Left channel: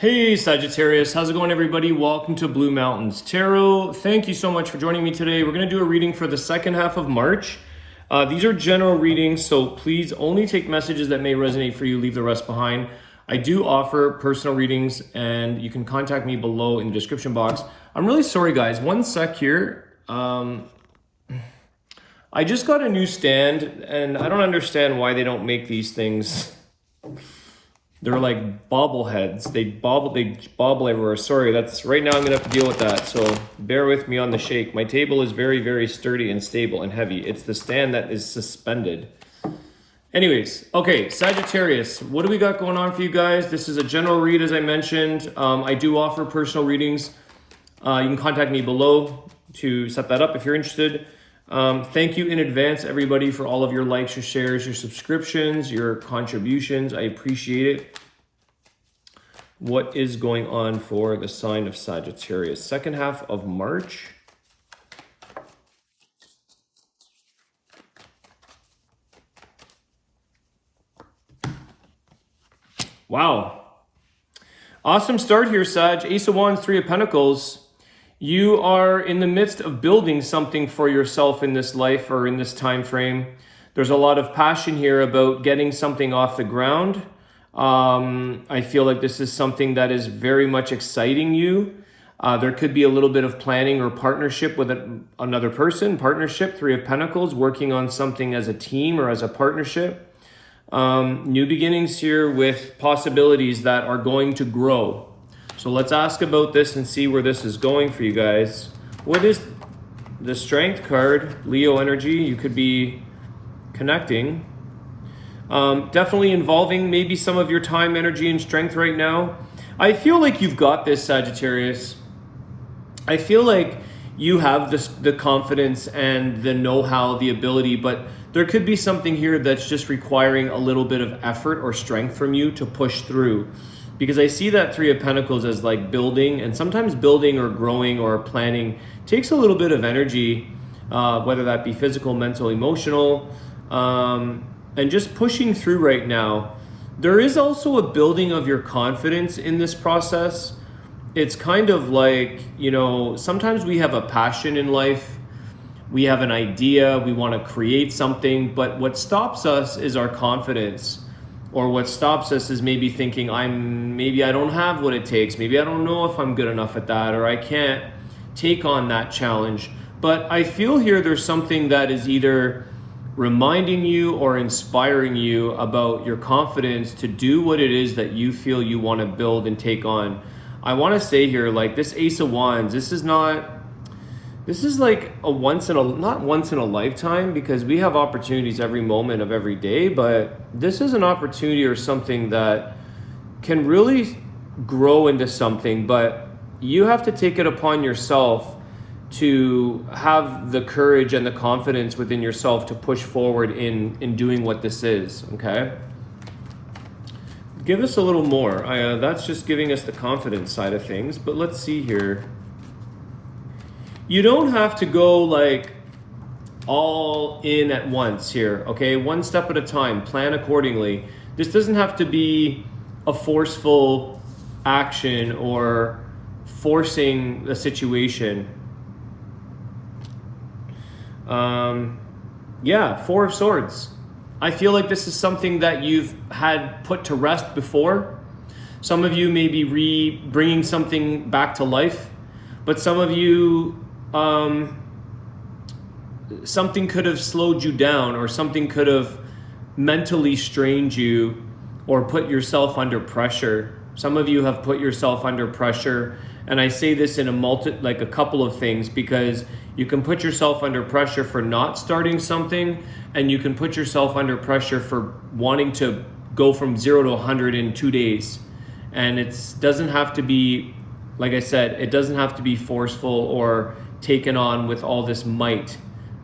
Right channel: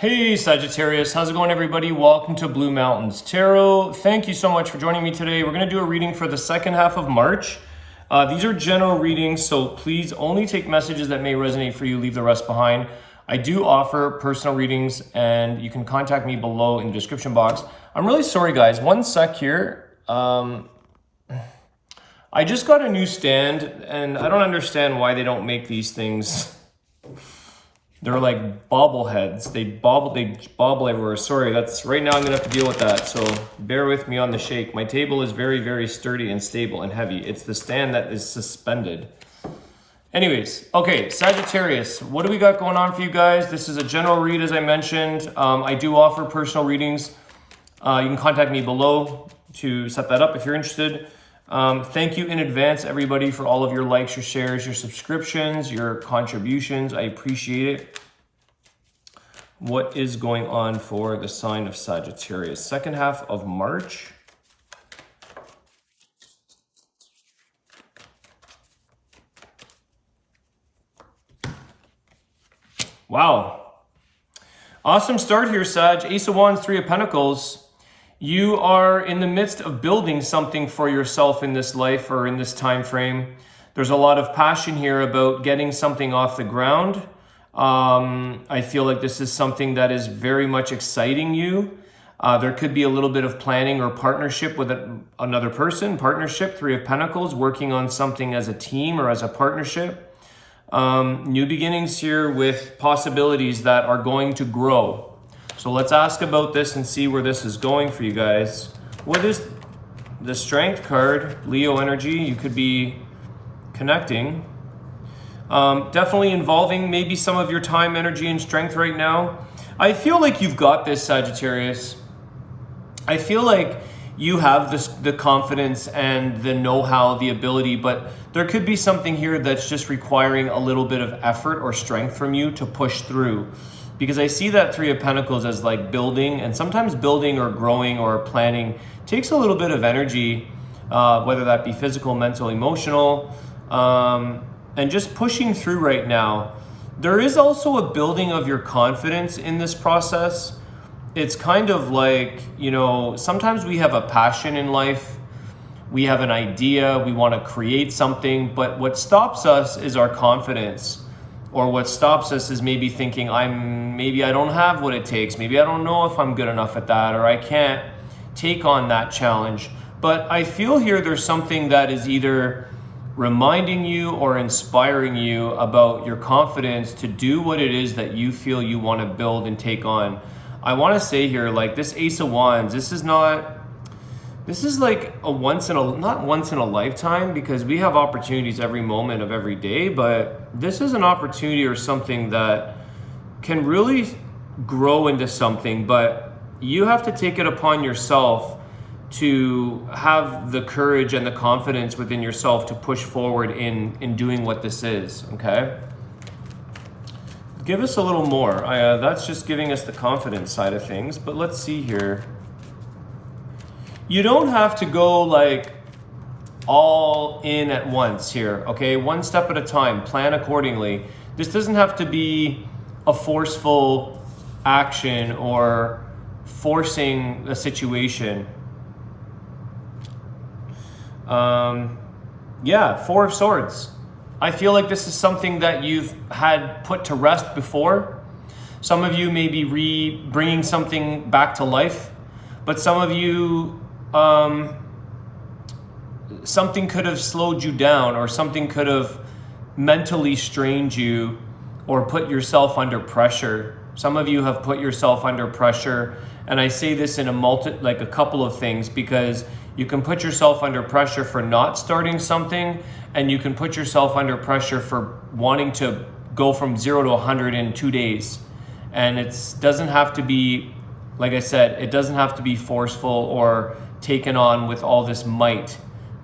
Hey Sagittarius, how's it going everybody? Welcome to Blue Mountains Tarot. Thank you so much for joining me today. We're going to do a reading for the second half of March. These are general readings, so please only take messages that may resonate for you, leave the rest behind. I do offer personal readings and you can contact me below in the description box. I'm really sorry guys, one sec here. I just got a new stand and I don't understand why they don't make these things. They're like bobbleheads. They bobble everywhere. Sorry, that's right now I'm gonna have to deal with that. So bear with me on the shake. My table is very, very sturdy and stable and heavy. It's the stand that is suspended. Anyways, okay, Sagittarius, what do we got going on for you guys? This is a general read, as I mentioned. I do offer personal readings. You can contact me below to set that up if you're interested. Thank you in advance, everybody, for all of your likes, your shares, your subscriptions, your contributions. I appreciate it. What is going on for the sign of Sagittarius? Second half of March. Wow. Awesome start here, Sag. Ace of Wands, Three of Pentacles. You are in the midst of building something for yourself in this life or in this time frame. There's a lot of passion here about getting something off the ground. I feel like this is something that is very much exciting you. There could be a little bit of planning or partnership with another person. Partnership, Three of Pentacles, working on something as a team or as a partnership. New beginnings here with possibilities that are going to grow. So let's ask about this and see where this is going for you guys. What is the Strength card? Leo energy, you could be connecting. Definitely involving maybe some of your time, energy, and strength right now. I feel like you've got this, Sagittarius. I feel like you have the confidence and the know-how, the ability, but there could be something here that's just requiring a little bit of effort or strength from you to push through. Because I see that Three of Pentacles as like building, and sometimes building or growing or planning takes a little bit of energy, whether that be physical, mental, emotional, and just pushing through right now. There is also a building of your confidence in this process. It's kind of like, you know, sometimes we have a passion in life, we have an idea, we want to create something, but what stops us is our confidence. Or what stops us is maybe thinking, maybe I don't have what it takes. Maybe I don't know if I'm good enough at that, or I can't take on that challenge. But I feel here there's something that is either reminding you or inspiring you about your confidence to do what it is that you feel you want to build and take on. I want to say here, like this Ace of Wands, this is like a not once in a lifetime, because we have opportunities every moment of every day, but this is an opportunity or something that can really grow into something, but you have to take it upon yourself to have the courage and the confidence within yourself to push forward in doing what this is, okay? Give us a little more. That's just giving us the confidence side of things, but let's see here. You don't have to go like all in at once here, okay? One step at a time, plan accordingly. This doesn't have to be a forceful action or forcing the situation. Yeah, Four of Swords. I feel like this is something that you've had put to rest before. Some of you may be bringing something back to life, but some of you, something could have slowed you down, or something could have mentally strained you or put yourself under pressure. Some of you have put yourself under pressure, and I say this in a couple of things, because you can put yourself under pressure for not starting something, and you can put yourself under pressure for wanting to go from 0 to 100 in 2 days. And it doesn't have to be, like I said, it doesn't have to be forceful or taken on with all this might.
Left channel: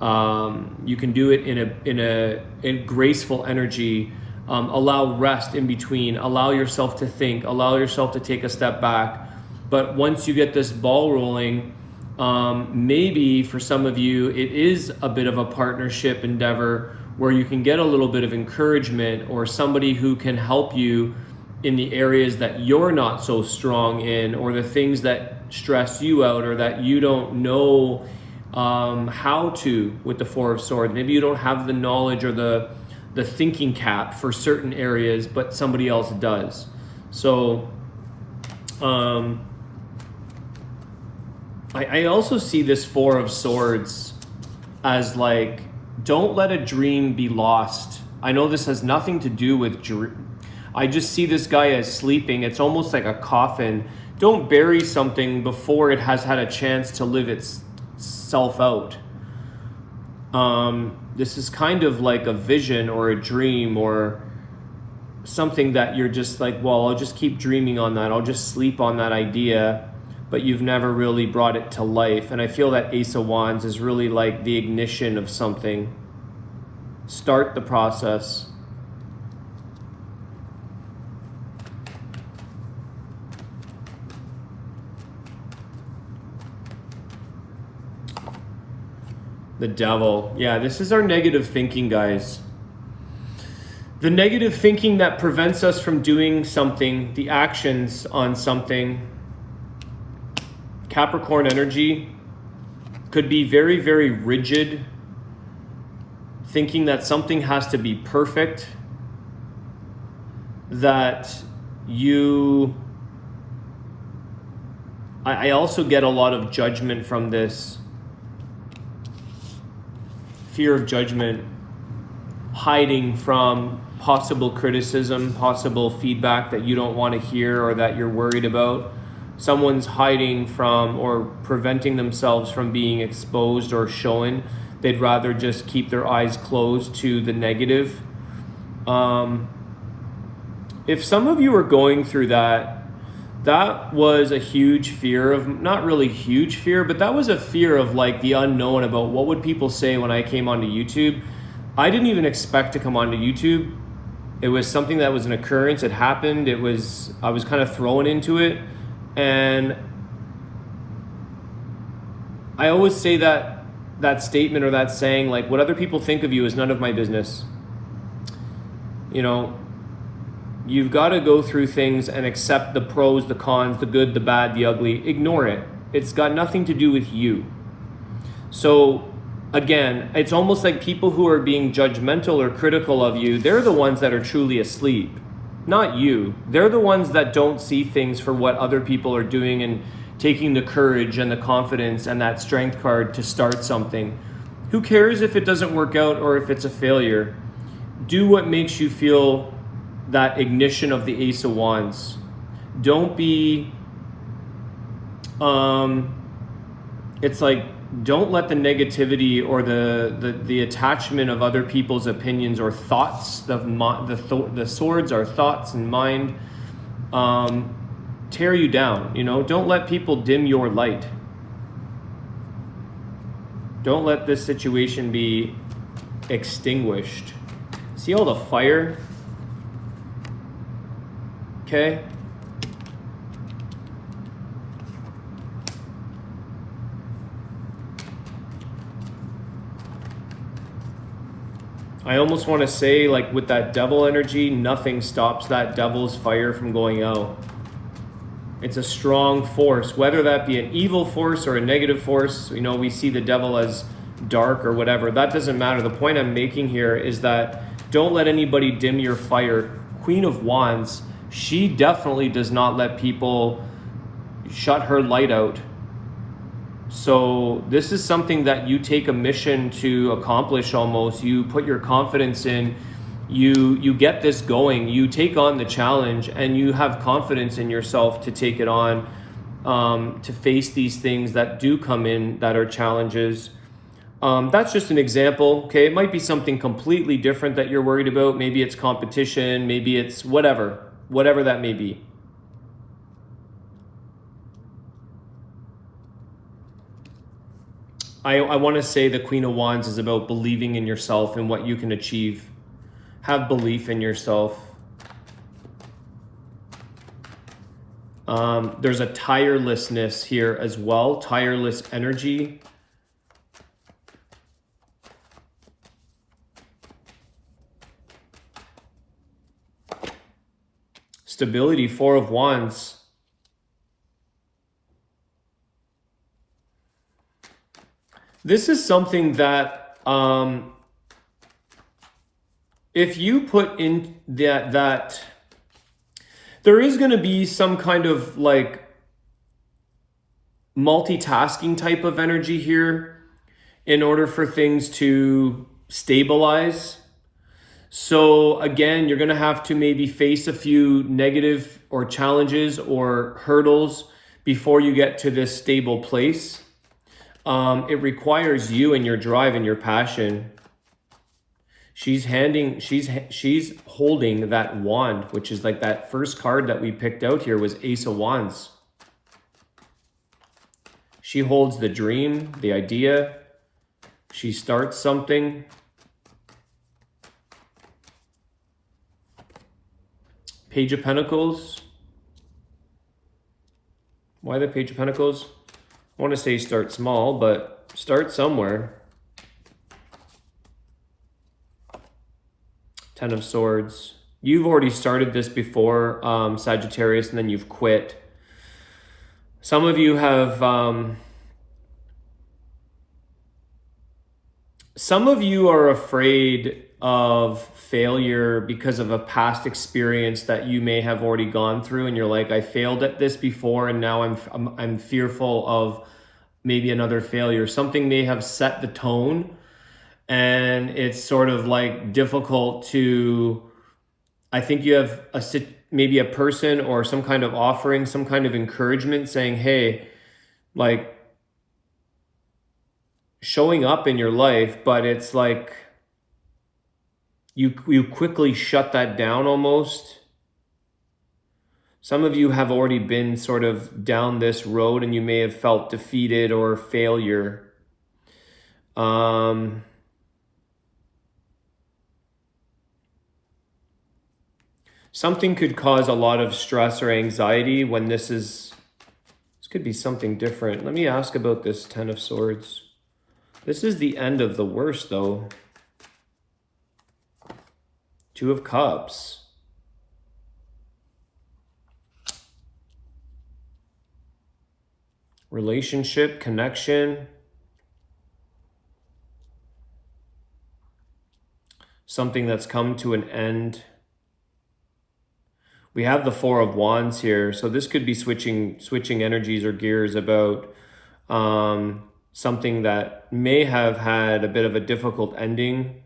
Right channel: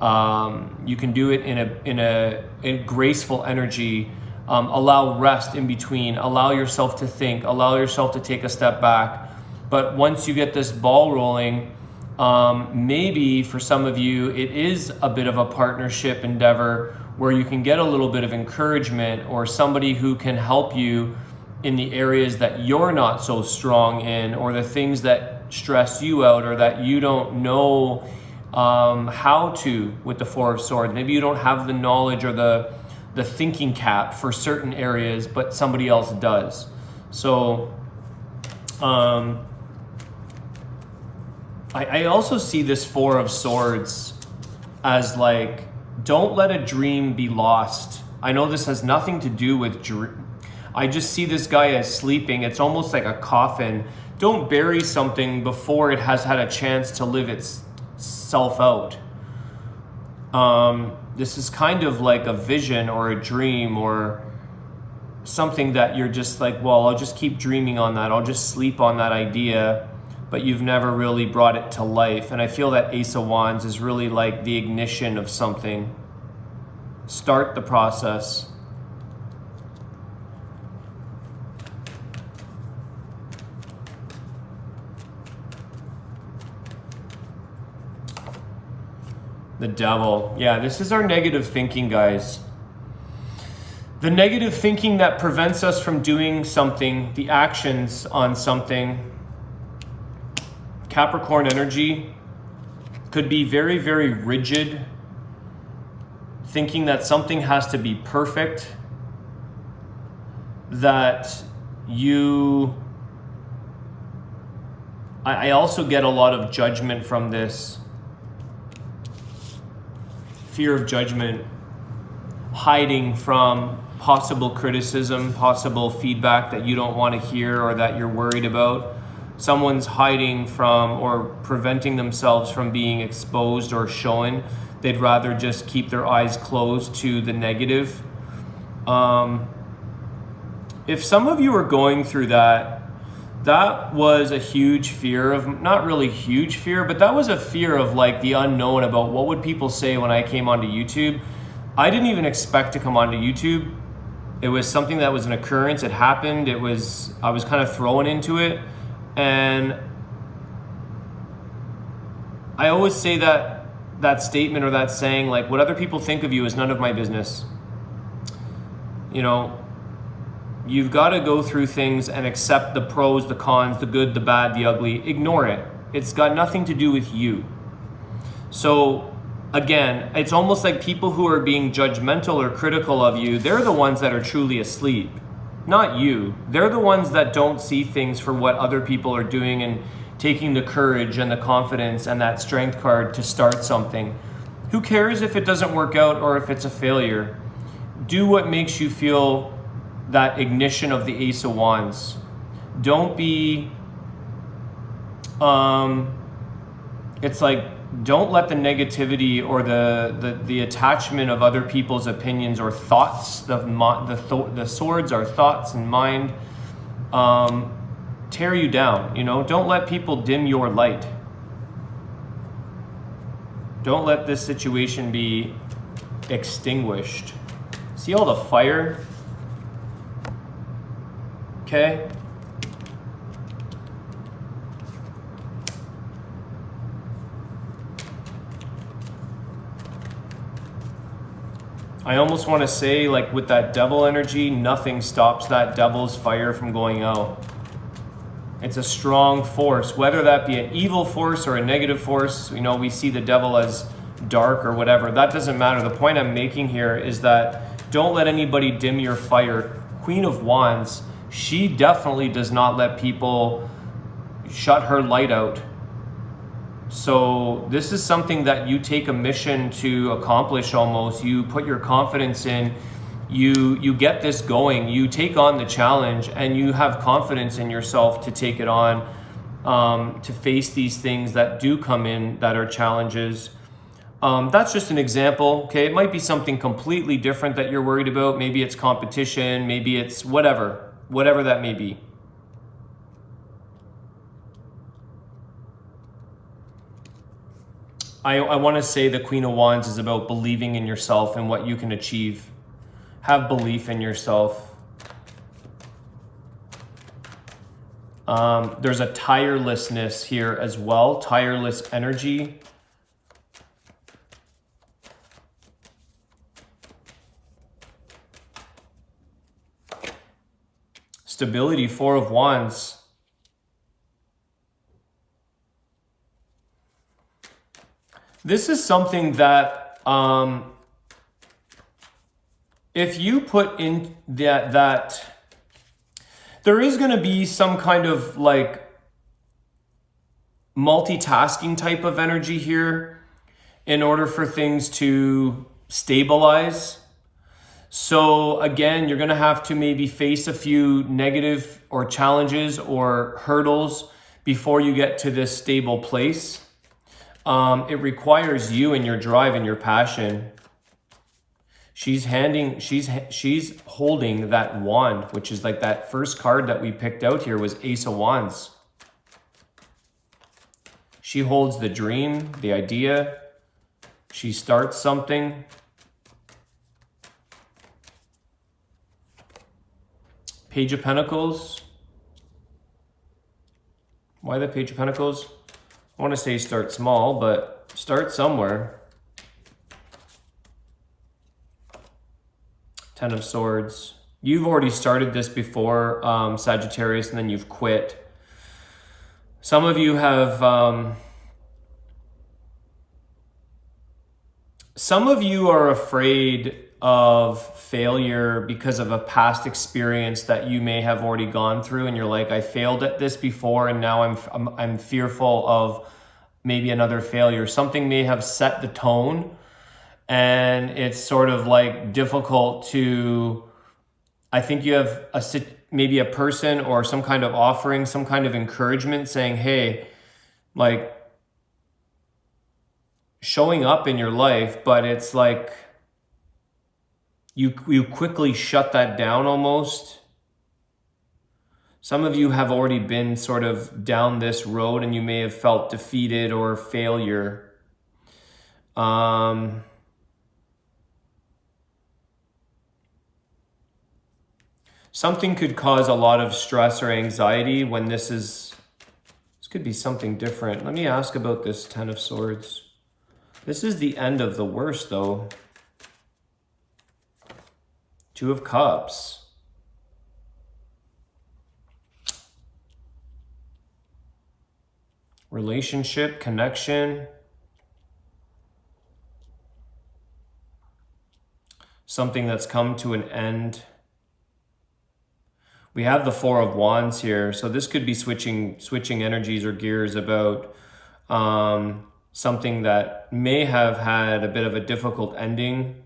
You can do it in a graceful energy. Allow rest in between. Allow yourself to think. Allow yourself to take a step back. But once you get this ball rolling, maybe for some of you it is a bit of a partnership endeavor where you can get a little bit of encouragement or somebody who can help you in the areas that you're not so strong in, or the things that stress you out, or that you don't know how to with the Four of Swords. Maybe you don't have the knowledge or the thinking cap for certain areas, but somebody else does. So I also see this Four of Swords as like, don't let a dream be lost. I know this has nothing to do with I just see this guy as sleeping. It's almost like a coffin. Don't bury something before it has had a chance to live itself out. This is kind of like a vision or a dream or something that you're just like, well, I'll just keep dreaming on that. I'll just sleep on that idea, but you've never really brought it to life. And I feel that Ace of Wands is really like the ignition of something. Start the process. The Devil. Yeah, this is our negative thinking, guys. The negative thinking that prevents us from doing something, the actions on something. Capricorn energy could be very, very rigid, thinking that something has to be perfect, that I also get a lot of judgment from this. Fear of judgment, hiding from possible criticism, possible feedback that you don't want to hear or that you're worried about. Someone's hiding from or preventing themselves from being exposed or shown. They'd rather just keep their eyes closed to the negative. If some of you are going through that was a huge fear of, not really huge fear, but that was a fear of like the unknown about what would people say when I came onto YouTube. I didn't even expect to come onto YouTube. It was something that was an occurrence. It happened. I was kind of thrown into it. And I always say that statement or that saying, like, what other people think of you is none of my business. You know, you've got to go through things and accept the pros, the cons, the good, the bad, the ugly. Ignore it. It's got nothing to do with you. So again, it's almost like people who are being judgmental or critical of you, they're the ones that are truly asleep, not you. They're the ones that don't see things for what other people are doing and taking the courage and the confidence and that strength card to start something. Who cares if it doesn't work out or if it's a failure? Do what makes you feel that ignition of the Ace of Wands. Don't be, it's like, don't let the negativity or the attachment of other people's opinions or thoughts, the swords are thoughts and mind, tear you down. You know, don't let people dim your light. Don't let this situation be extinguished. See all the fire? Okay. I almost want to say, like with that devil energy, nothing stops that devil's fire from going out. It's a strong force, whether that be an evil force or a negative force. You know, we see the devil as dark or whatever. That doesn't matter. The point I'm making here is that don't let anybody dim your fire. Queen of Wands, she definitely does not let people shut her light out. So this is something that you take a mission to accomplish almost. You put your confidence in, you get this going, you take on the challenge, and you have confidence in yourself to take it on, to face these things that do come in that are challenges. That's just an example, okay? It might be something completely different that you're worried about. Maybe it's competition, maybe it's whatever that may be. I want to say the Queen of Wands is about believing in yourself and what you can achieve. Have belief in yourself. There's a tirelessness here as well, tireless energy. stability, Four of Wands. This is something that if you put in that there is going to be some kind of like multitasking type of energy here in order for things to stabilize. So again, you're going to have to maybe face a few negative or challenges or hurdles before you get to this stable place. It requires you and your drive and your passion. She's holding that wand, which is like that first card that we picked out here was Ace of Wands. She holds the dream, the idea. She starts something. Page of Pentacles. Why the Page of Pentacles? I want to say start small, but start somewhere. Ten of Swords. You've already started this before, Sagittarius, and then you've quit. Some of you have... some of you are afraid of failure because of a past experience that you may have already gone through, and you're like, I failed at this before, and now I'm fearful of maybe another failure. Something may have set the tone, and it's sort of like difficult to, I think you have maybe a person or some kind of offering, some kind of encouragement saying, hey, like showing up in your life, but it's like you quickly shut that down almost. Some of you have already been sort of down this road and you may have felt defeated or failure. Something could cause a lot of stress or anxiety when this could be something different. Let me ask about this Ten of Swords. This is the end of the worst though. Two of Cups. Relationship, connection. Something that's come to an end. We have the Four of Wands here. So this could be switching energies or gears about something that may have had a bit of a difficult ending.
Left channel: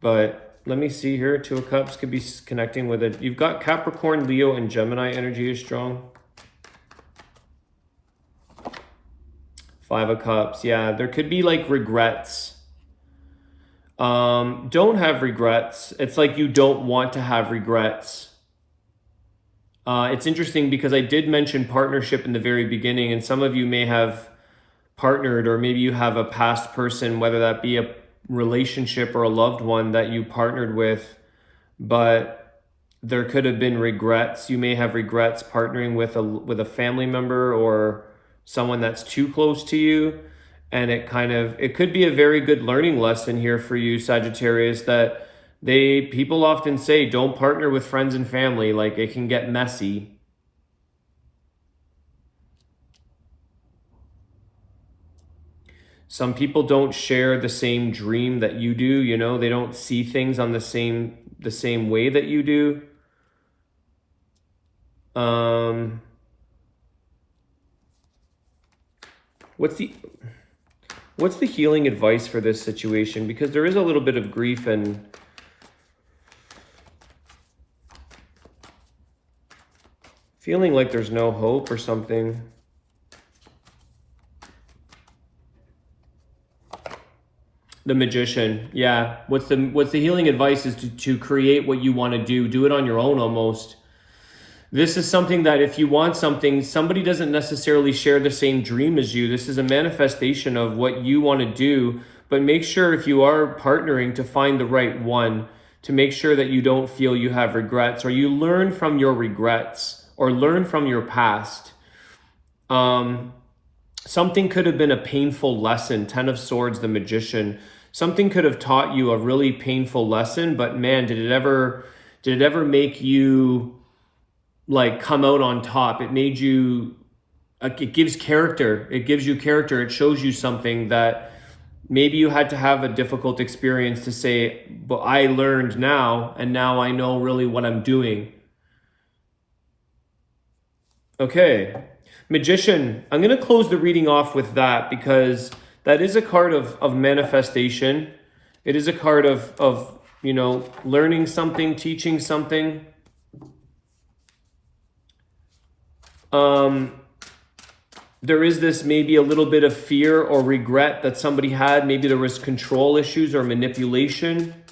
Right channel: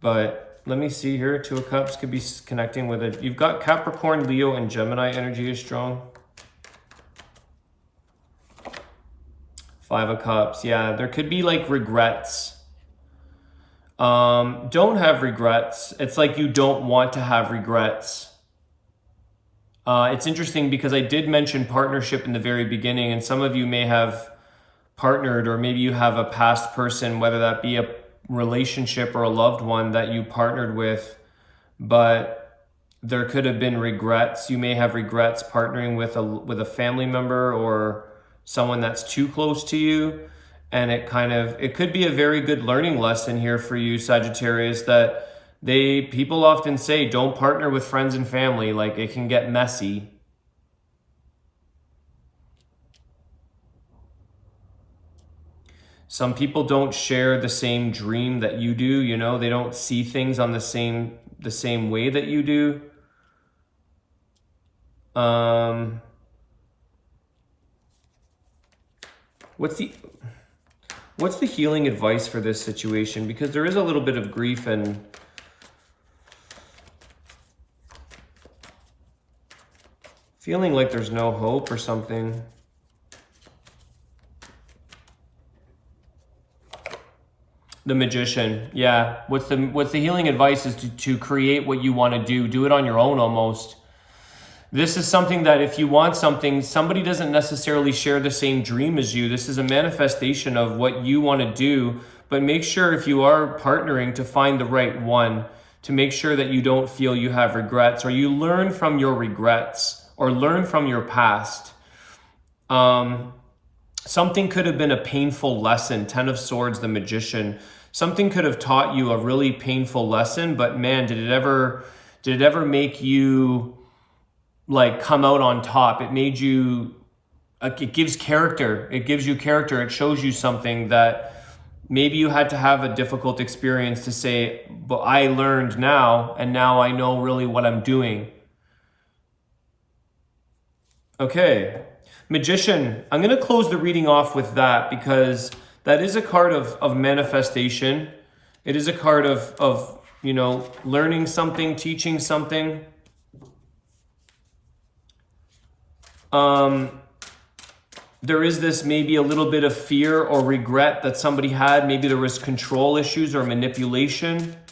But let me see here. Two of Cups could be connecting with it. You've got Capricorn, Leo, and Gemini energy is strong. Five of Cups. Yeah, there could be like regrets. Don't have regrets. It's like you don't want to have regrets. It's interesting because I did mention partnership in the very beginning, and some of you may have partnered, or maybe you have a past person, whether that be a relationship or a loved one that you partnered with, but there could have been regrets. You may have regrets partnering with a family member or someone that's too close to you, and it could be a very good learning lesson here for you, Sagittarius, that people often say don't partner with friends and family, like it can get messy. Some people don't share the same dream that you do, you know, they don't see things on the same way that you do. What's the healing advice for this situation? Because there is a little bit of grief and feeling like there's no hope or something. The Magician, yeah. What's the healing advice is to create what you want to do. Do it on your own almost. This is something that if you want something, somebody doesn't necessarily share the same dream as you. This is a manifestation of what you want to do. But make sure if you are partnering to find the right one, to make sure that you don't feel you have regrets, or you learn from your regrets, or learn from your past. Something could have been a painful lesson. Ten of Swords, the Magician. Something could have taught you a really painful lesson, but man, did it ever make you like come out on top. It made you, like, it gives character. It gives you character. It shows you something that maybe you had to have a difficult experience to say, but I learned now, and now I know really what I'm doing. Okay, Magician. I'm going to close the reading off with that because that is a card of manifestation. It is a card of you know, learning something, teaching something. There is this maybe a little bit of fear or regret that somebody had. Maybe there was control issues or manipulation.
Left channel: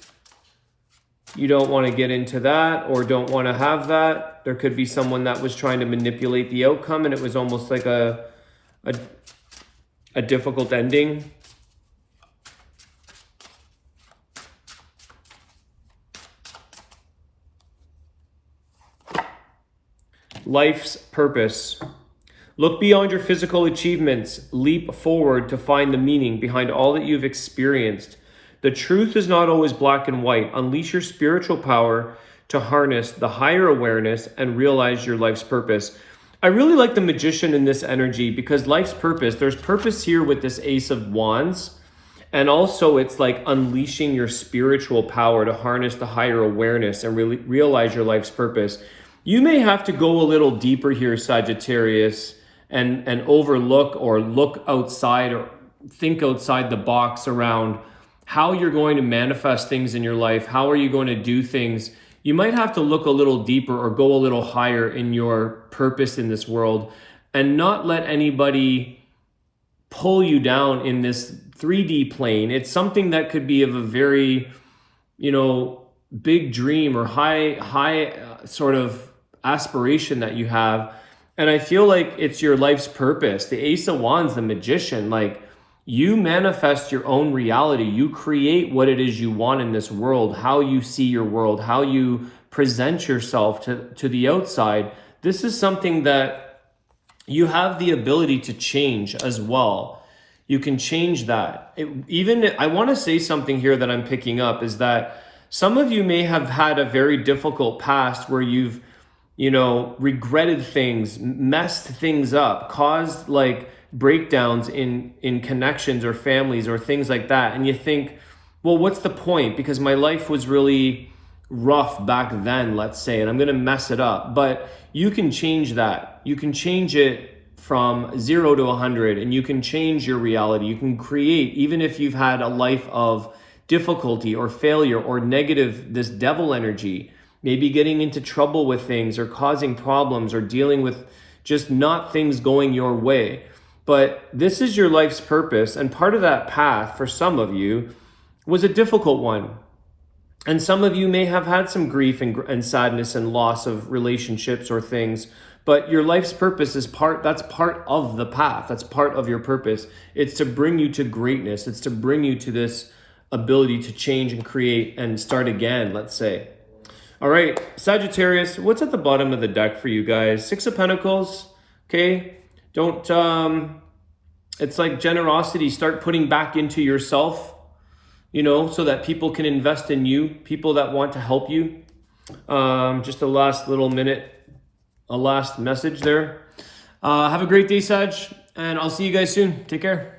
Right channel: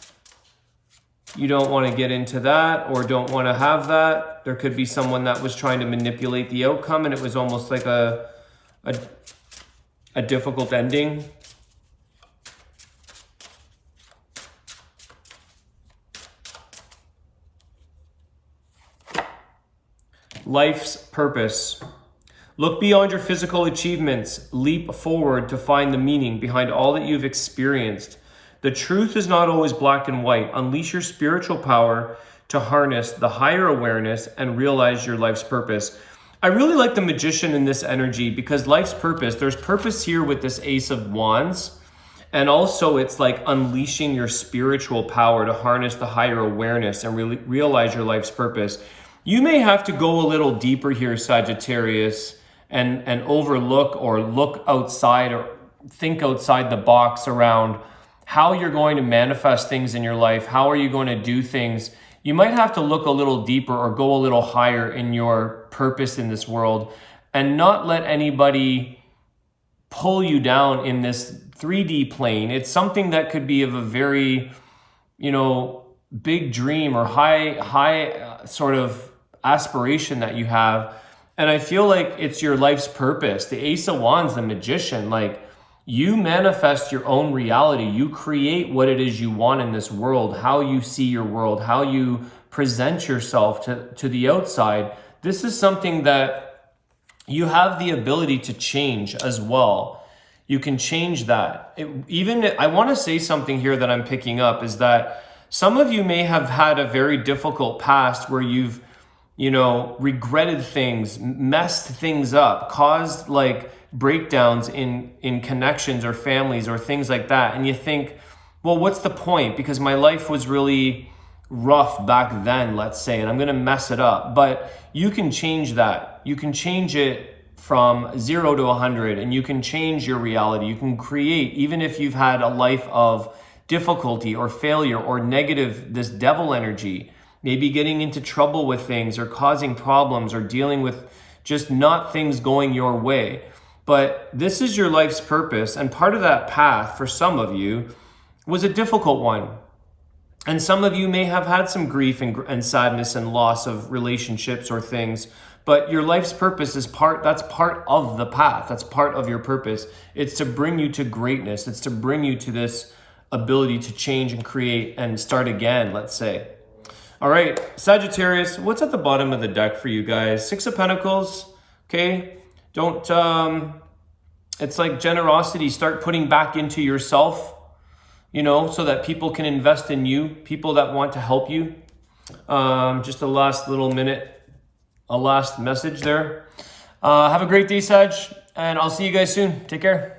You don't want to get into that or don't want to have that. There could be someone that was trying to manipulate the outcome and it was almost like a difficult ending. Life's purpose. Look beyond your physical achievements. Leap forward to find the meaning behind all that you've experienced. The truth is not always black and white. Unleash your spiritual power to harness the higher awareness and realize your life's purpose. I really like the Magician in this energy because life's purpose, there's purpose here with this Ace of Wands. And also it's like unleashing your spiritual power to harness the higher awareness and really realize your life's purpose. You may have to go a little deeper here, Sagittarius, and overlook or look outside or think outside the box around how you're going to manifest things in your life. How are you going to do things? You might have to look a little deeper or go a little higher in your purpose in this world and not let anybody pull you down in this 3D plane. It's something that could be of a very, you know, big dream or high sort of aspiration that you have. And I feel like it's your life's purpose. The Ace of Wands, the Magician, like you manifest your own reality. You create what it is you want in this world, how you see your world, how you present yourself to the outside. This is something that you have the ability to change as well. You can change that. I want to say something here that I'm picking up is that some of you may have had a very difficult past where you've, you know, regretted things, messed things up, caused like breakdowns in connections or families or things like that. And you think, well, what's the point? Because my life was really rough back then, let's say, and I'm going to mess it up. But you can change that. You can change it from 0 to 100 and you can change your reality. You can create, even if you've had a life of difficulty or failure or negative, this devil energy, maybe getting into trouble with things or causing problems or dealing with just not things going your way. But this is your life's purpose. And part of that path for some of you was a difficult one. And some of you may have had some grief and sadness and loss of relationships or things. But your life's purpose is that's part of the path. That's part of your purpose. It's to bring you to greatness. It's to bring you to this ability to change and create and start again, let's say. All right, Sagittarius, what's at the bottom of the deck for you guys? 6 of Pentacles, okay? It's like generosity. Start putting back into yourself, you know, so that people can invest in you, people that want to help you. Just a last little minute, a last message there. Have a great day, Sag, and I'll see you guys soon. Take care.